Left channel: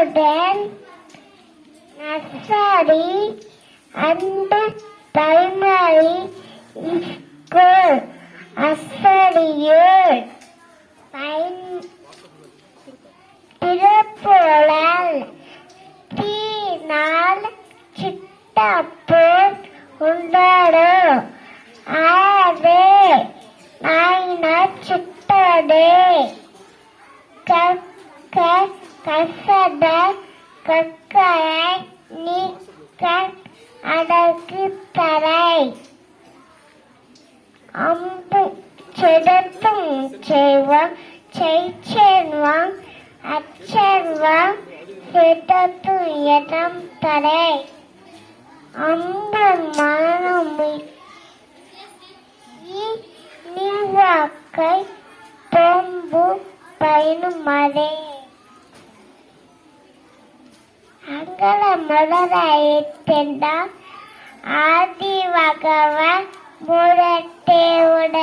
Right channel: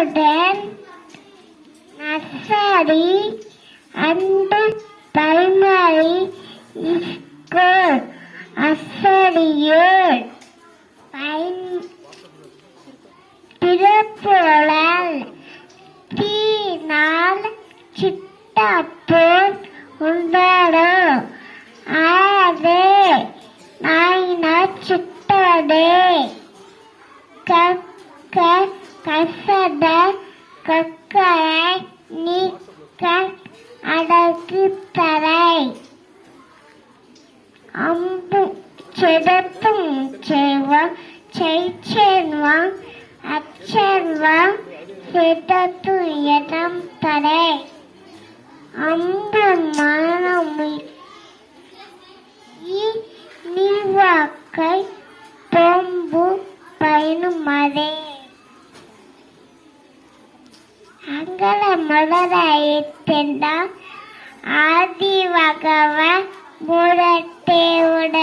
garden, nursery, and primary school. ஆசிரியர் திருப்புழல் தீனால் சிட்டப்போர் உண்டோ ஆதே நாயின சிட்டதே கக்க கசட கக்கரை நீக்க அடக்கு தரை அம்பு செடத்தும் செய்வான் செய்வான் அச்செல்வான் செடத்து இடம் தரை அம்பு மரணம் நீவாக்கை பொம்பு பயனுமதே அங்கல மலராயிட்டா ஆதி வகவ முரட்டே உட